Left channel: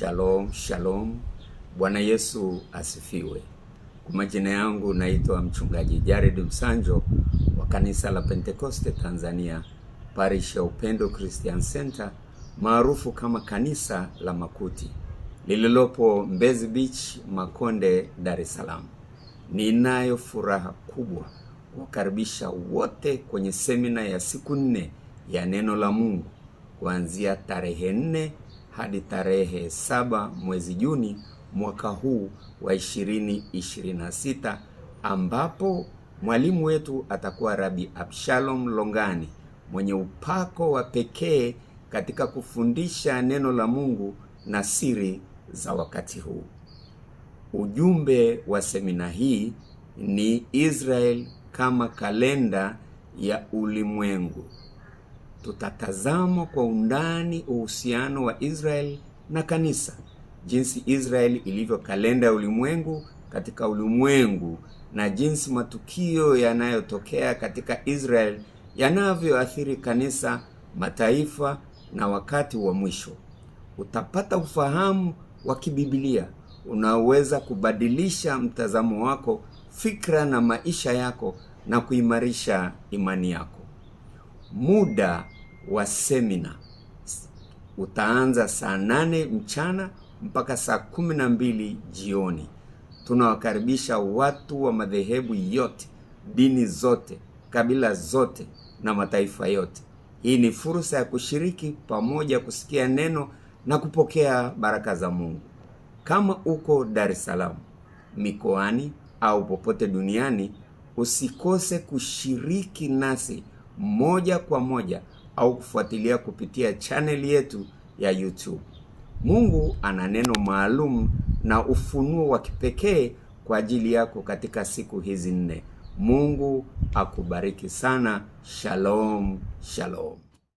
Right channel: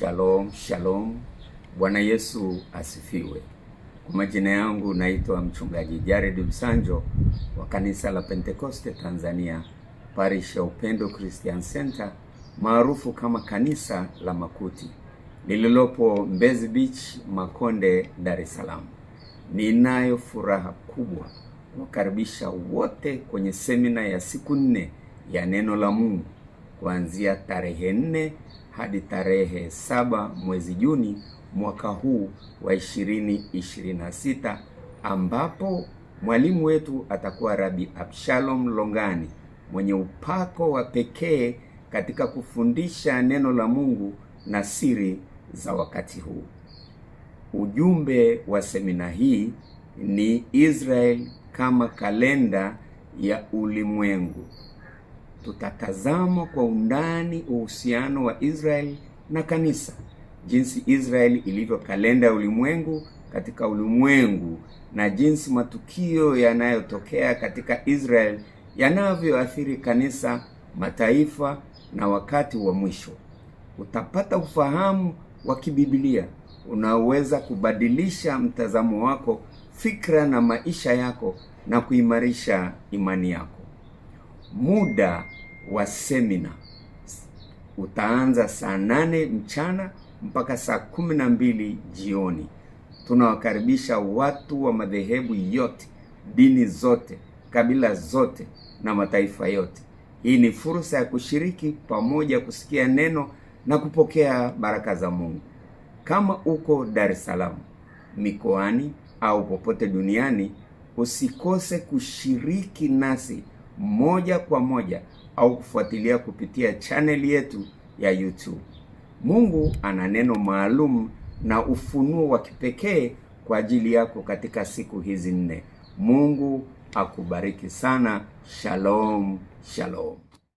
Shalom, shalom. Bwana Yesu asifiwe. Kwa majina yangu naitwa mchungaji Jared Msanjo wa kanisa la Pentekoste Tanzania, Parish ya Upendo Christian Center, maarufu kama kanisa la Makuti, lililopo Mbezi Beach, Makonde, Dar es Salaam. Ninayo furaha kubwa kuwakaribisha wote kwenye semina ya siku 4 ya neno la Mungu kuanzia tarehe 4 hadi tarehe 7 mwezi Juni mwaka huu wa 2026, ambapo mwalimu wetu atakuwa Rabbi Abshalom Longani, mwenye upako wa pekee katika kufundisha neno la Mungu na siri za wakati huu. Ujumbe wa semina hii ni Israel kama kalenda ya ulimwengu. Tutatazama kwa undani uhusiano wa Israel na kanisa, jinsi Israel ilivyo kalenda ya ulimwengu katika ulimwengu, na jinsi matukio yanayotokea katika Israel yanavyoathiri kanisa, mataifa na wakati wa mwisho. Utapata ufahamu wa kibiblia unaoweza kubadilisha mtazamo wako, fikra na maisha yako na kuimarisha imani yako. Muda wa semina utaanza saa 8 mchana mpaka saa 12 jioni. Tunawakaribisha watu wa madhehebu yote, dini zote, kabila zote na mataifa yote. Hii ni fursa ya kushiriki pamoja, kusikia neno na kupokea baraka za Mungu. Kama uko Dar es Salaam, mikoani au popote duniani, usikose kushiriki nasi moja kwa moja au kufuatilia kupitia channel yetu ya YouTube. Mungu ana neno maalum na ufunuo wa kipekee kwa ajili yako katika siku hizi 4. Mungu akubariki sana. Shalom, shalom.